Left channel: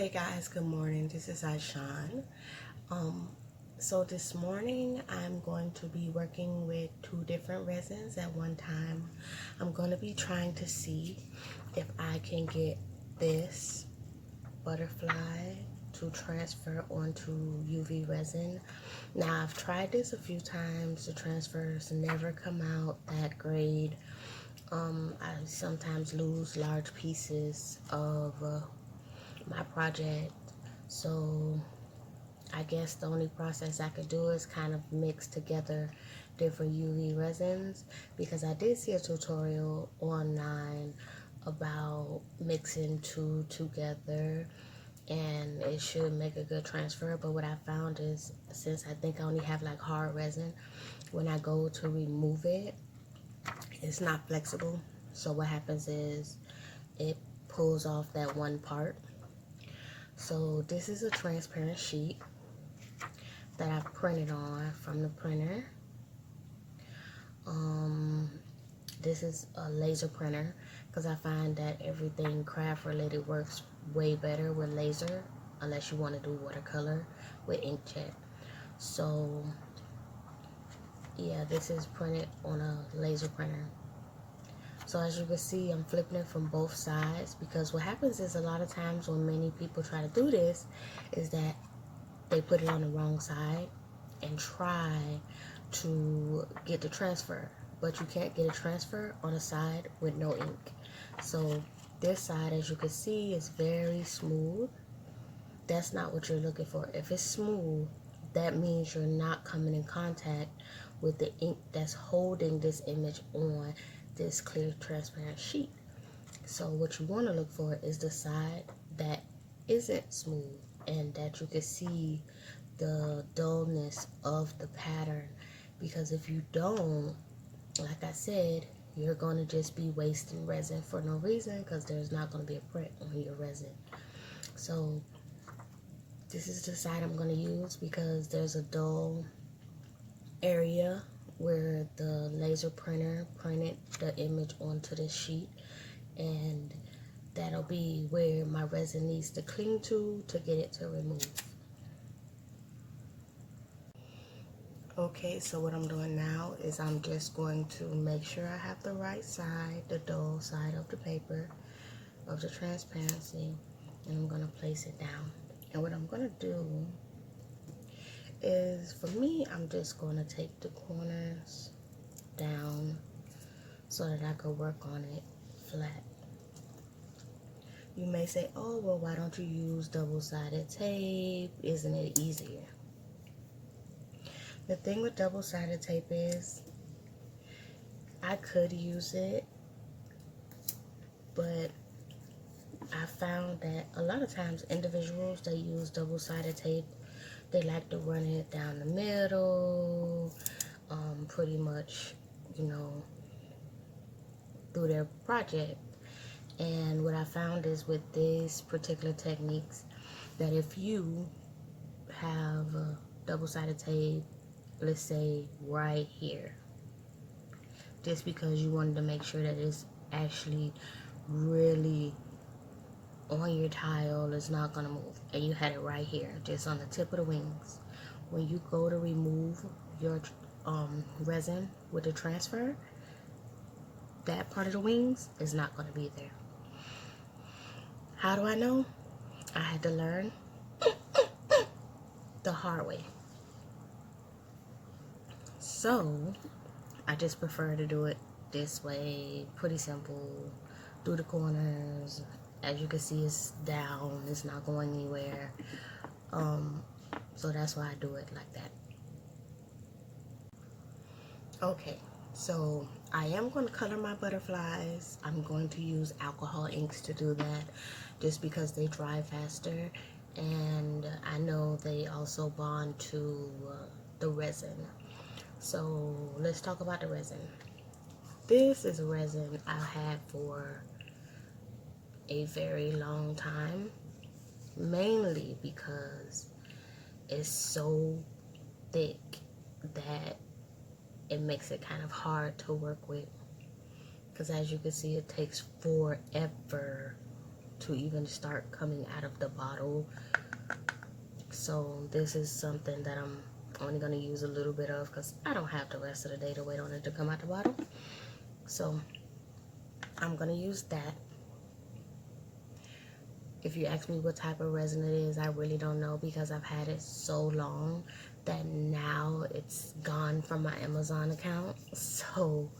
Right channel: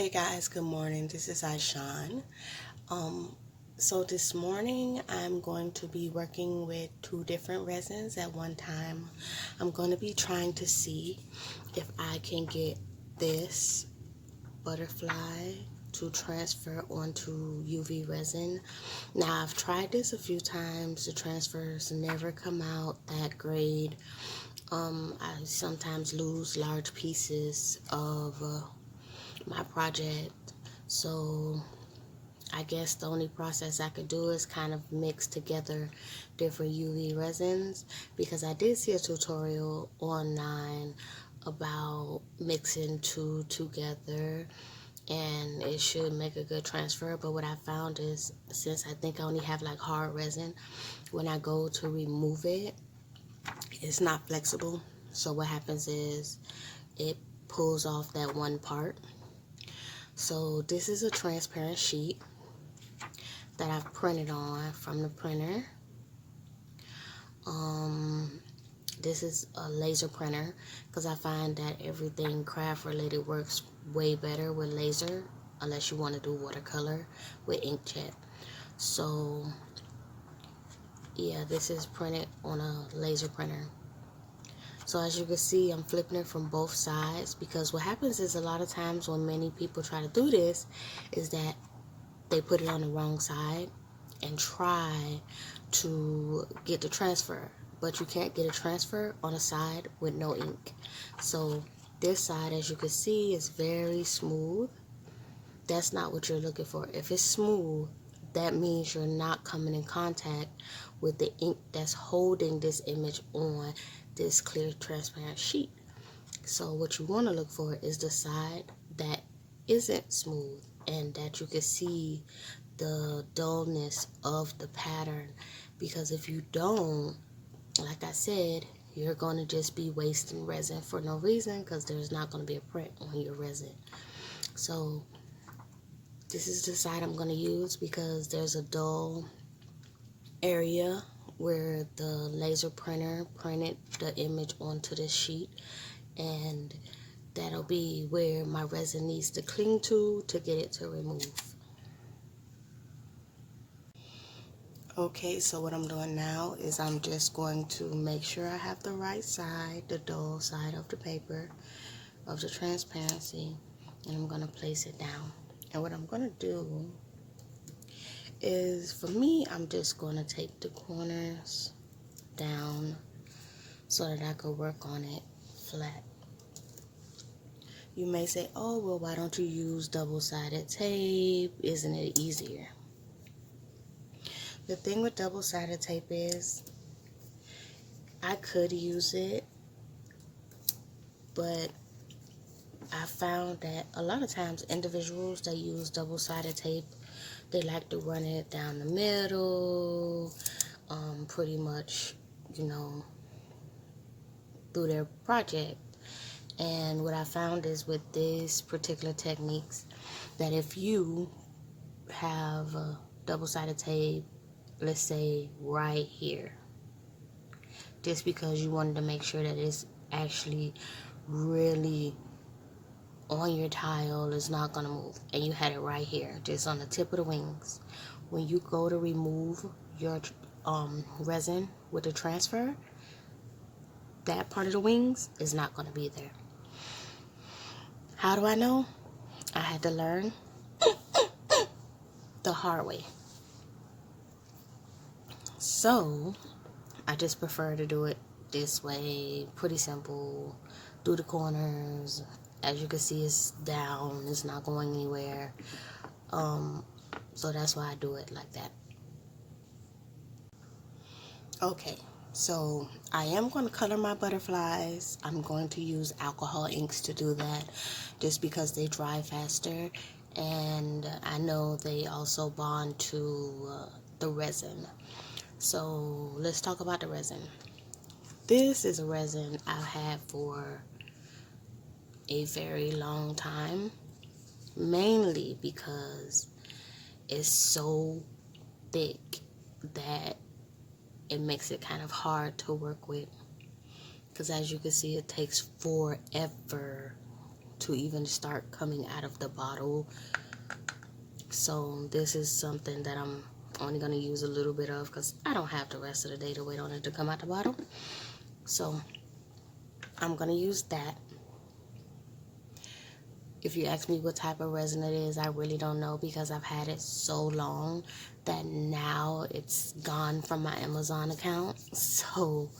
Hey guys, good morning. This is Aishan. So this morning I'm going to be working with two different resins at one time. I'm going to be trying to see if I can get this butterfly to transfer onto UV resin. Now I've tried this a few times. The transfers never come out that great. I sometimes lose large pieces of my project, so I guess the only process I could do is kind of mix together different UV resins, because I did see a tutorial online about mixing two together and it should make a good transfer. But what I found is, since I think I only have like hard resin, when I go to remove it, it's not flexible. So what happens is it pulls off that one part. So this is a transparent sheet that I've printed on from the printer. This is a laser printer because I find that everything craft related works way better with laser, unless you want to do watercolor with inkjet. So yeah, this is printed on a laser printer. So as you can see, I'm flipping it from both sides, because what happens is a lot of times when many people try to do this is that they put it on the wrong side and try to get the transfer, but you can't get a transfer on a side with no ink. So this side, as you can see, is very smooth. That's not what you're looking for. If it's smooth, that means you're not coming in contact with the ink that's holding this image on this clear transparent sheet. So what you want to look for is the side that isn't smooth and that you can see the dullness of the pattern, because if you don't, like I said, you're going to just be wasting resin for no reason, because there's not going to be a print on your resin. So this is the side I'm going to use, because there's a dull area where the laser printer printed the image onto the sheet, and that'll be where my resin needs to cling to get it to remove. Okay, so what I'm doing now is I'm just going to make sure I have the right side, the dull side of the paper, of the transparency, and I'm going to place it down. And what I'm going to do is, for me, I'm just going to take the corners down so that I could work on it flat. You may say, oh, well, why don't you use double-sided tape? Isn't it easier? The thing with double-sided tape is, I could use it, but I found that a lot of times individuals that use double-sided tape, they like to run it down the middle, pretty much, you know, through their project. And what I found is, with these particular techniques, that if you have double-sided tape, let's say right here, just because you wanted to make sure that it's actually really on your tile, it's not going to move, and you had it right here, just on the tip of the wings, when you go to remove your resin with the transfer, that part of the wings is not going to be there. How do I know? I had to learn the hard way. So I just prefer to do it this way. Pretty simple. Do the corners. As you can see, it's down. It's not going anywhere. So that's why I do it like that. Okay, so I am going to color my butterflies. I'm going to use alcohol inks to do that, just because they dry faster, and I know they also bond to the resin. So let's talk about the resin. This is a resin I had for a very long time, mainly because it's so thick that it makes it kind of hard to work with, because as you can see, it takes forever to even start coming out of the bottle. So this is something that I'm only going to use a little bit of because I don't have the rest of the day to wait on it to come out the bottle. So I'm going to use that. If you ask me what type of resin it is, I really don't know because I've had it so long that now it's gone from my Amazon account. So,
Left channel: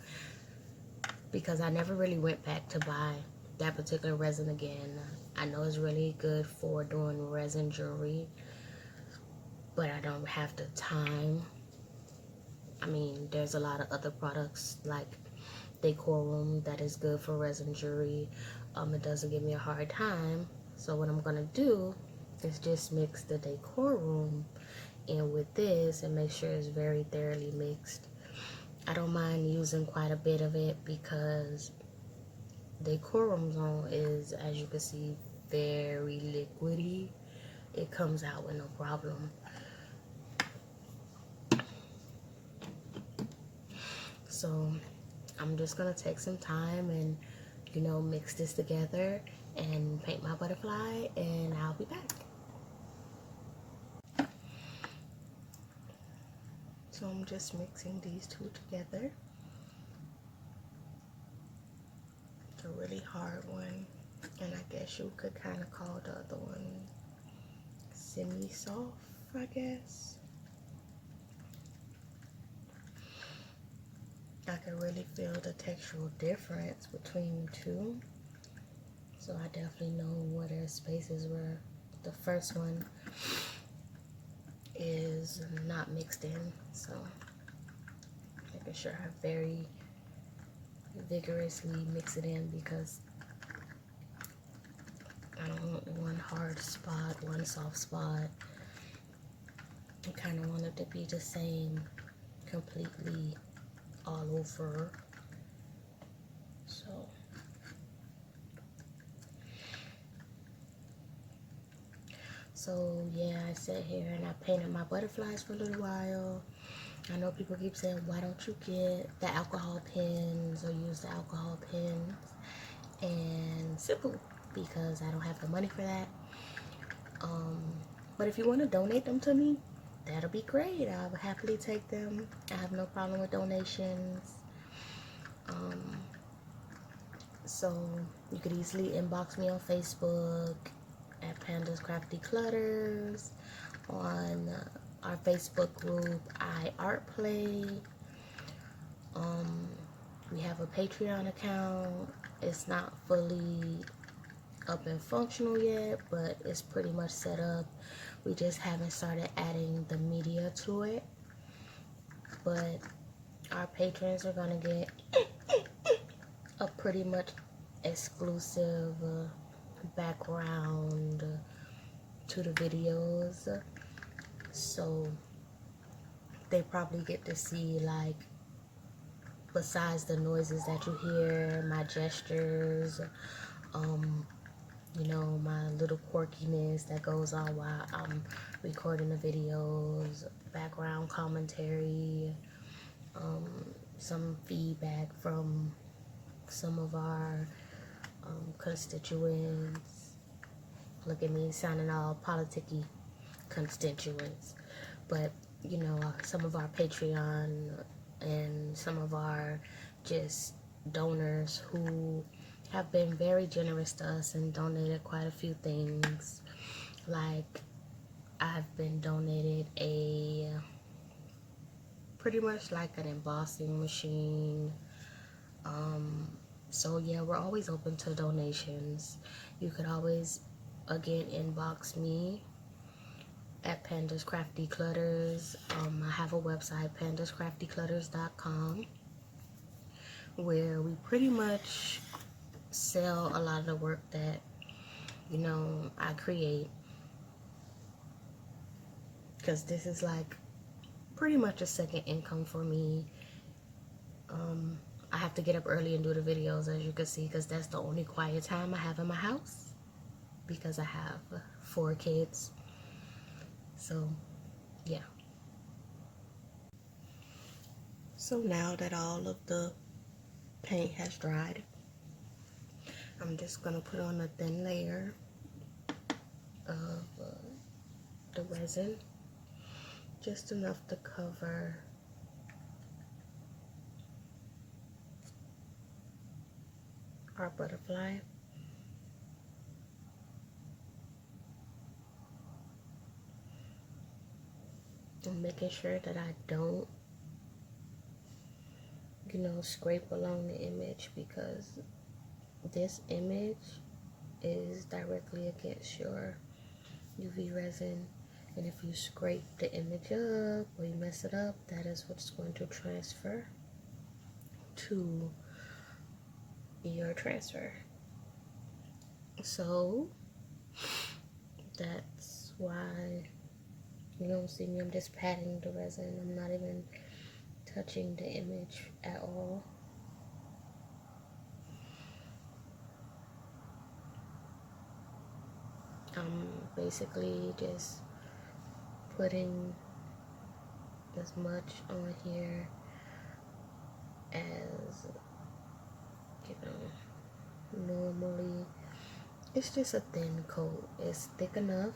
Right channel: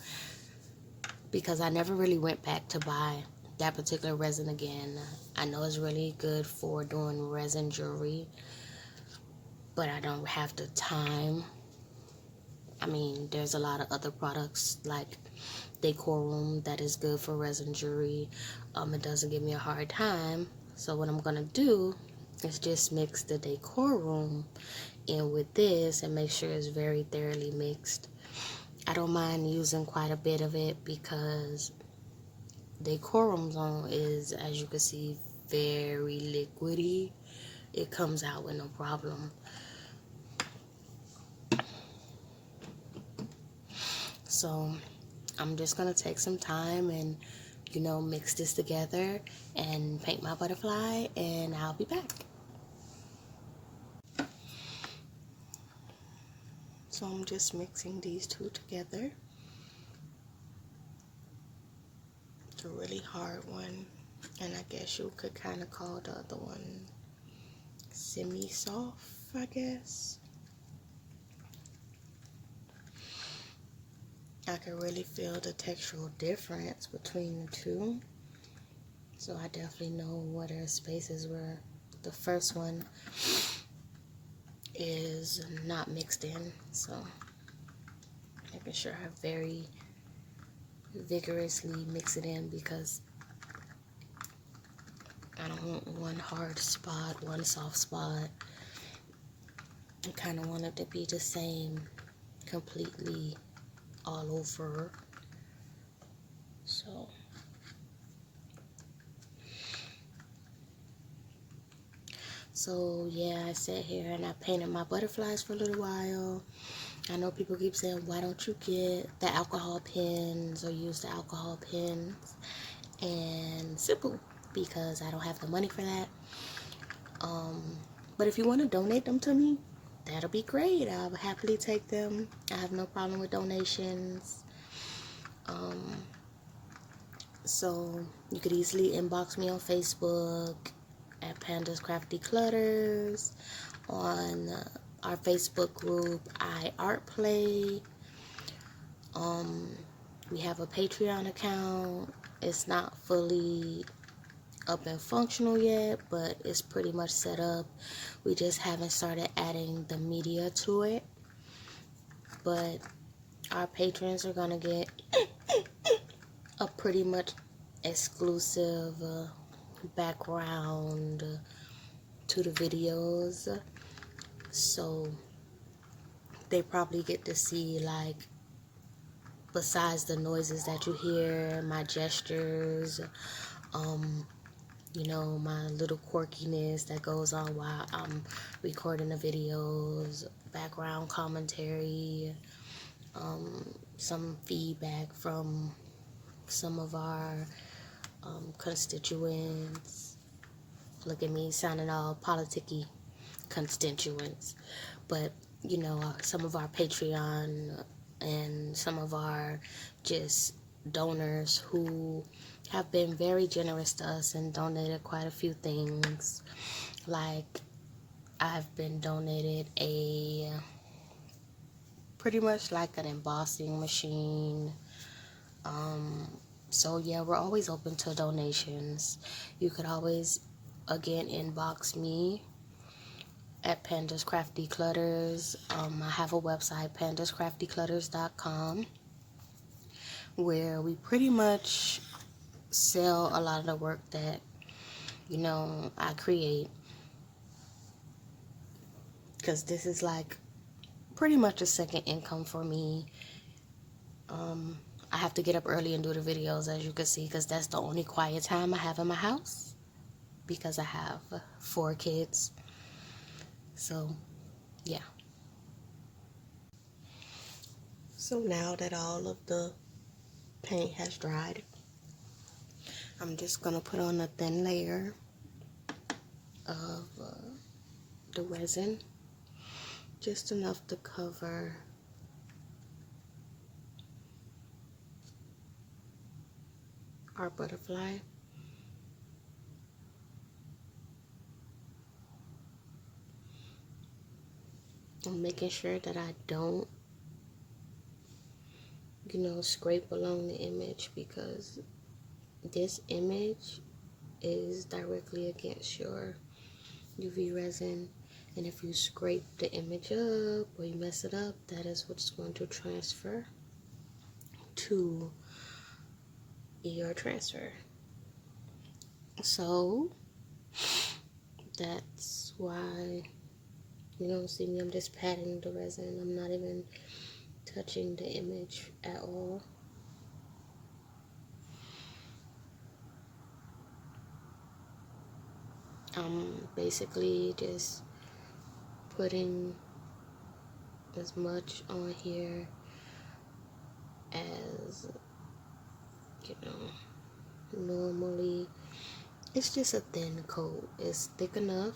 because I never really went back to buy that particular resin again. I know it's really good for doing resin jewelry, but I don't have the time. I mean, there's a lot of other products like Decorum that is good for resin jewelry. It doesn't give me a hard time. So what I'm gonna do is just mix the Decorum in with this and make sure it's very thoroughly mixed. I don't mind using quite a bit of it because Decorum is, as you can see, very liquidy. It comes out with no problem. So I'm just gonna take some time and, you know, mix this together and paint my butterfly, and I'll be back. So I'm just mixing these two together. It's a really hard one, and I guess you could kind of call the other one semi-soft, I guess. I can really feel the textural difference between the two. So I definitely know where there's spaces where the first one is not mixed in. So making sure I very vigorously mix it in because I don't want one hard spot, one soft spot. I kind of want it to be the same completely all over. So yeah, I sat here and I painted my butterflies for a little while. I know people keep saying, why don't you get the alcohol pens or use the alcohol pens? And simple, because I don't have the money for that. But if you want to donate them to me, that'll be great. I'll happily take them. I have no problem with donations. So you could easily inbox me on Facebook at pandascraftyclutters, on our Facebook group I Art Play. We have a Patreon account. It's not fully up and functional yet, but it's pretty much set up. We just haven't started adding the media to it. But our patrons are gonna get a pretty much exclusive background to the videos. So they probably get to see, like, besides the noises that you hear, my gestures, you know, my little quirkiness that goes on while I'm recording the videos, background commentary, some feedback from some of our constituents. Look at me sounding all politicky, constituents. But, you know, some of our Patreon and some of our just donors who have been very generous to us and donated quite a few things. Like, I've been donated a pretty much like an embossing machine. So yeah, we're always open to donations. You could always, again, inbox me at pandascraftyclutters. I have a website, pandascraftyclutters.com, where we pretty much sell a lot of the work that, you know, I create, because this is like pretty much a second income for me. I have to get up early and do the videos, as you can see, because that's the only quiet time I have in my house, because I have 4 kids. So yeah. So now that all of the paint has dried, I'm just gonna put on a thin layer of the resin, just enough to cover our butterfly. I'm making sure that I don't, scrape along the image, because this image is directly against your UV resin, and if you scrape the image up or you mess it up, that is what's going to transfer to your transfer. So that's why you don't see me, I'm just patting the resin. I'm not even touching the image at all. I'm basically just putting as much on here as, normally. It's just a thin coat. It's thick enough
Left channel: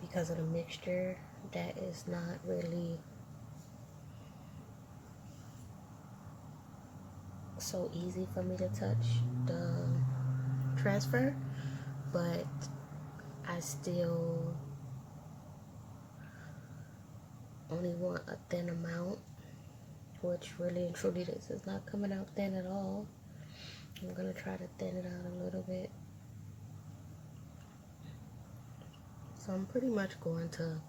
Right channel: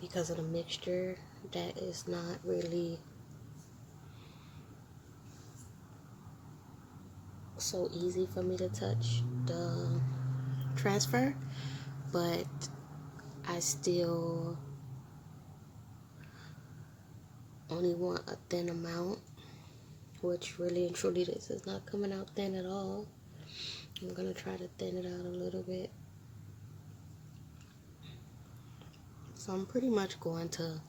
because of the mixture that is not really so easy for me to touch the transfer, but I still only want a thin amount, which really and truly this is not coming out thin at all. I'm gonna try to thin it out a little bit. So I'm pretty much going to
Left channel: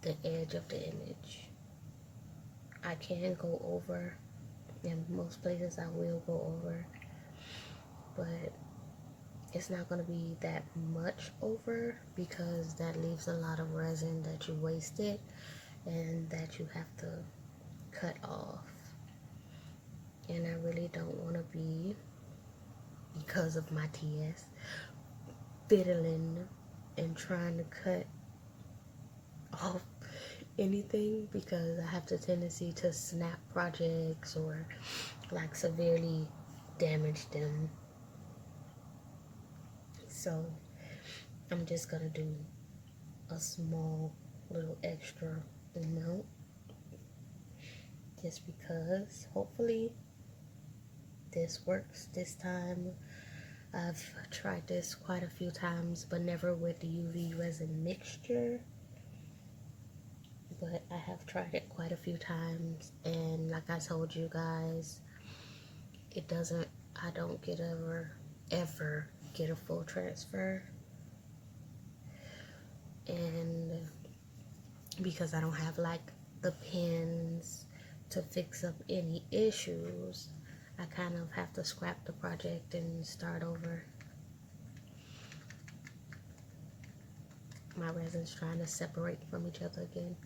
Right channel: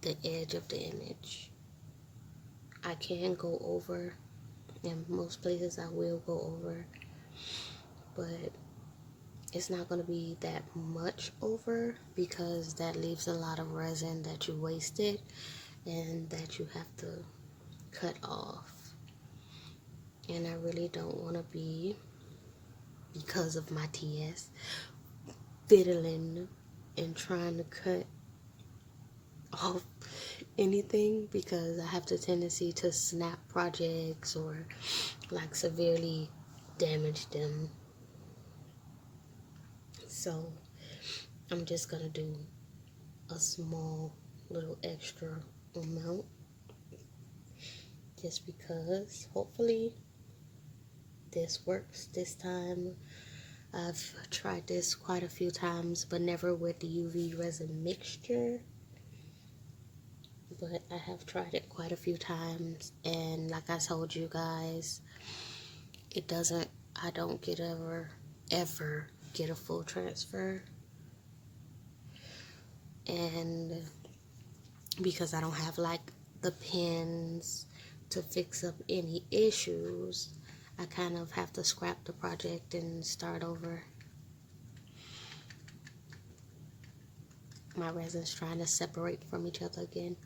the edge of the image. I can go over, in most places I will go over, but it's not going to be that much over, because that leaves a lot of resin that you wasted and that you have to cut off. And I really don't want to be, because of my TS, fiddling and trying to cut off anything, because I have the tendency to snap projects or like severely damage them. So I'm just gonna do a small little extra amount, just because hopefully this works this time. I've tried this quite a few times, but never with the UV resin mixture. But I have tried it quite a few times, and like I told you guys, I don't get ever get a full transfer. And because I don't have like the pins to fix up any issues, I kind of have to scrap the project and start over. My resin's trying to separate from each other again.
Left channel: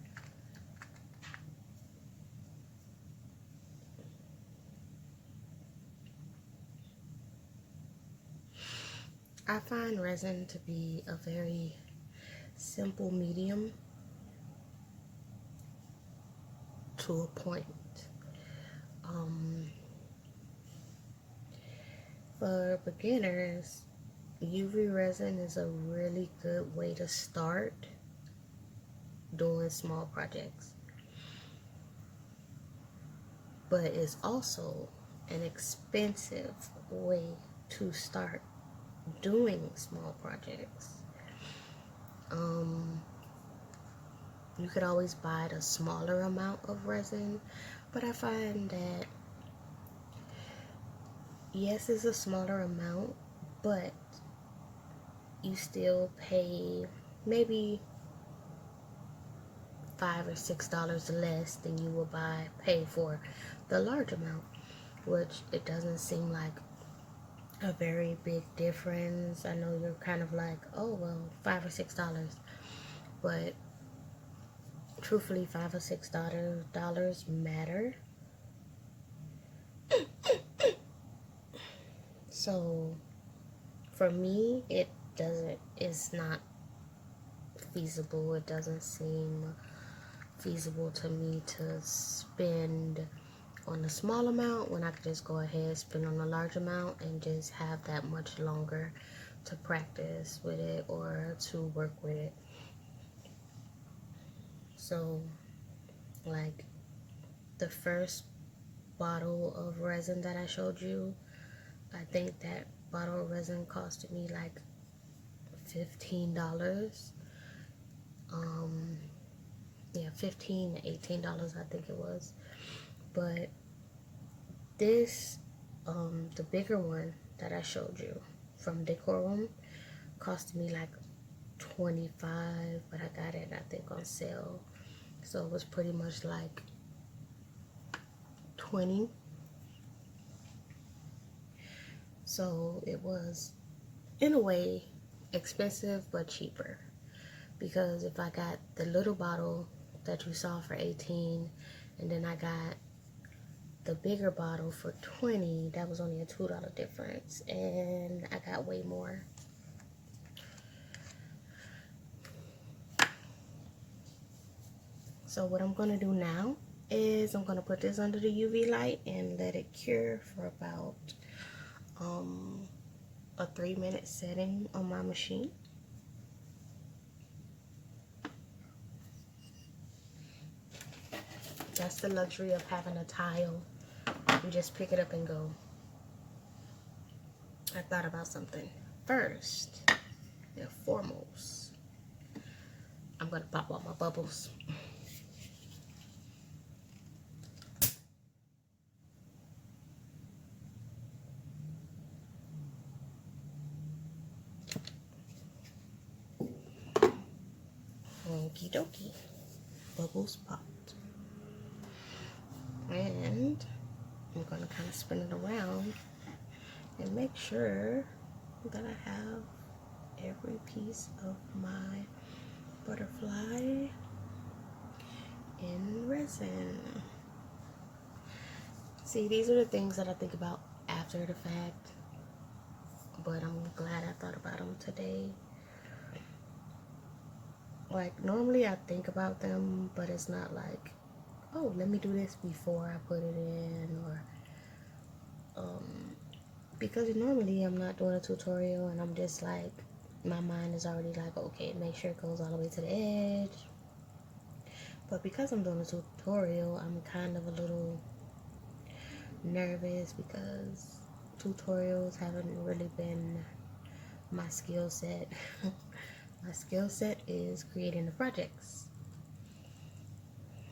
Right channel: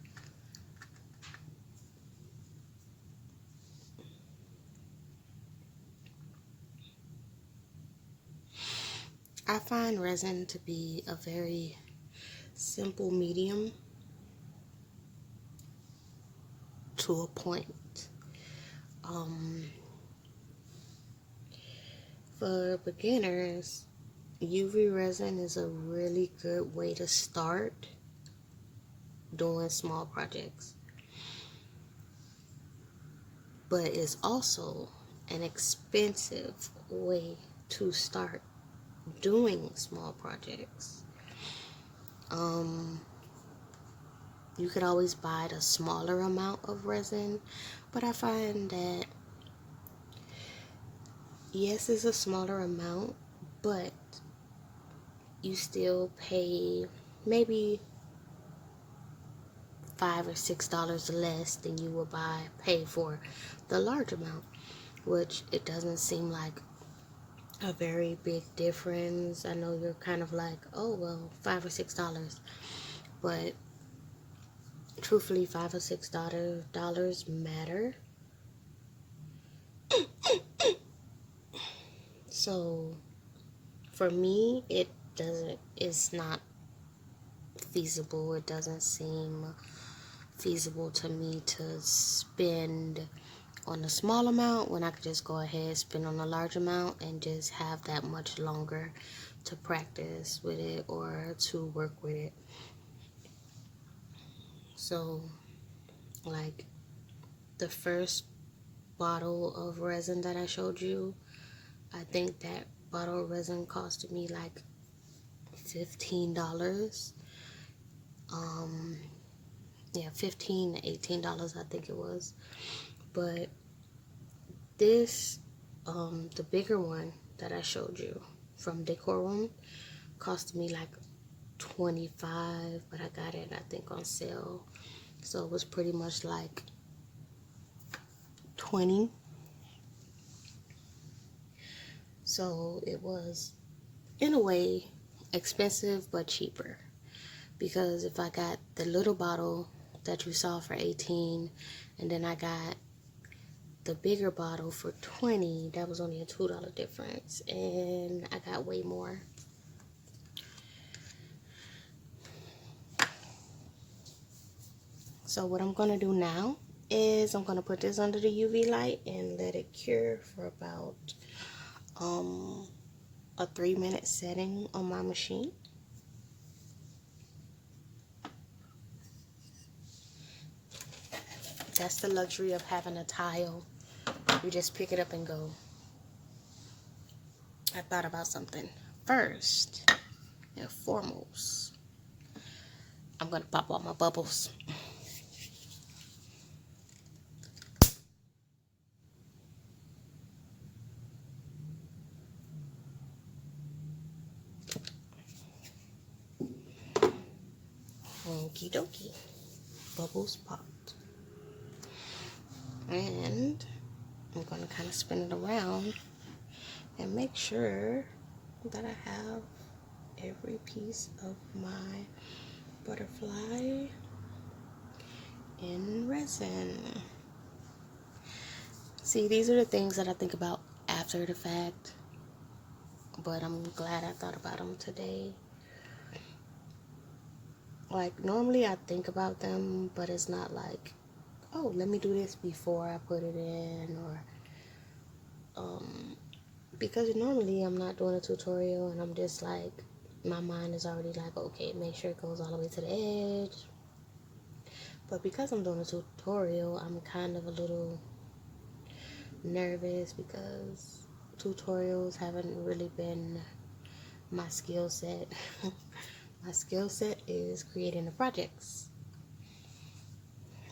I find resin to be a very simple medium to a point. For beginners, UV resin is a really good way to start doing small projects, but it's also an expensive way to start doing small projects. You could always buy the smaller amount of resin, but I find that yes, it's a smaller amount, but you still pay maybe $5 or $6 less than you will pay for the large amount, which it doesn't seem like a very big difference. I know you're kind of like, oh well, $5 or $6, but truthfully, $5 or $6 matter. So for me, it's not feasible. It doesn't seem feasible to me to spend on a small amount when I could just go ahead and spend on a large amount and just have that much longer to practice with it or to work with it. So like the first bottle of resin that I showed you, I think that bottle of resin costed me like $15. Yeah, $15 to $18 I think it was. But this the bigger one that I showed you from Decor Room costed me like $25, but I got it I think on sale, so it was pretty much like $20. So it was in a way expensive but cheaper, because if I got the little bottle that you saw for $18 and then I got the bigger bottle for $20, that was only a $2 difference, and I got way more. So what I'm gonna do now is I'm gonna put this under the UV light and let it cure for about a 3-minute setting on my machine. That's the luxury of having a tile. You just pick it up and go. I thought about something. First and foremost, I'm gonna pop all my bubbles. Okie dokie. Bubbles popped. And I'm going to kind of spin it around and make sure that I have every piece of my butterfly in resin. See, these are the things that I think about after the fact, but I'm glad I thought about them today. Like, normally I think about them, but it's not like, oh, let me do this before I put it in, or because normally I'm not doing a tutorial and I'm just like, my mind is already like, okay, make sure it goes all the way to the edge. But because I'm doing a tutorial, I'm kind of a little nervous because tutorials haven't really been my skill set. My skill set is creating the projects,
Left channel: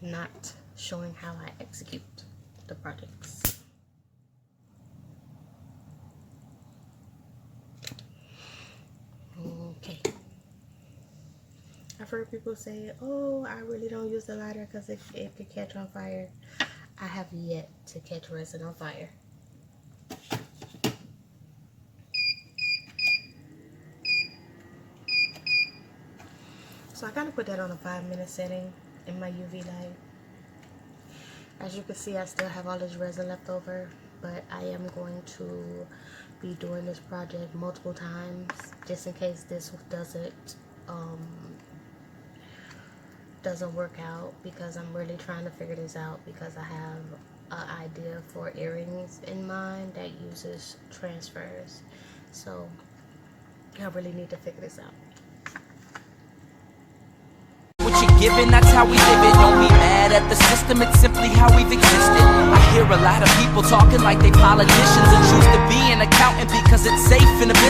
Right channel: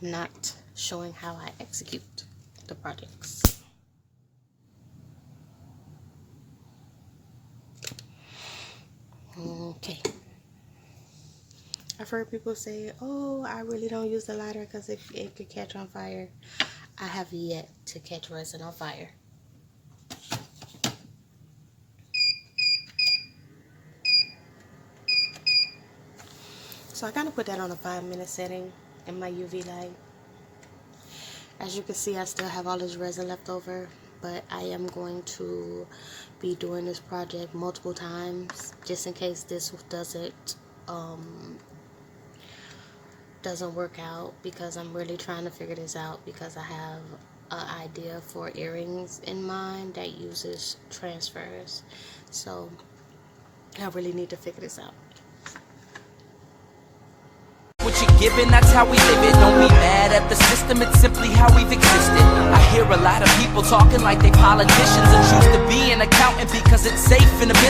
not showing how I execute the projects. Okay. I've heard people say, oh, I really don't use the lighter because it could catch on fire. I have yet to catch resin on fire. So I kind of put that on a 5-minute setting in my UV light. As you can see, I still have all this resin left over, but I am going to be doing this project multiple times just in case this doesn't work out, because I'm really trying to figure this out, because I have an idea for earrings in mind that uses transfers. So I really need to figure this out. What you're given, that's how we live it. Don't be mad at the system, it's simply how we've existed. I hear a lot of people talking like they politicians and choose to be an accountant because it's safe in a business.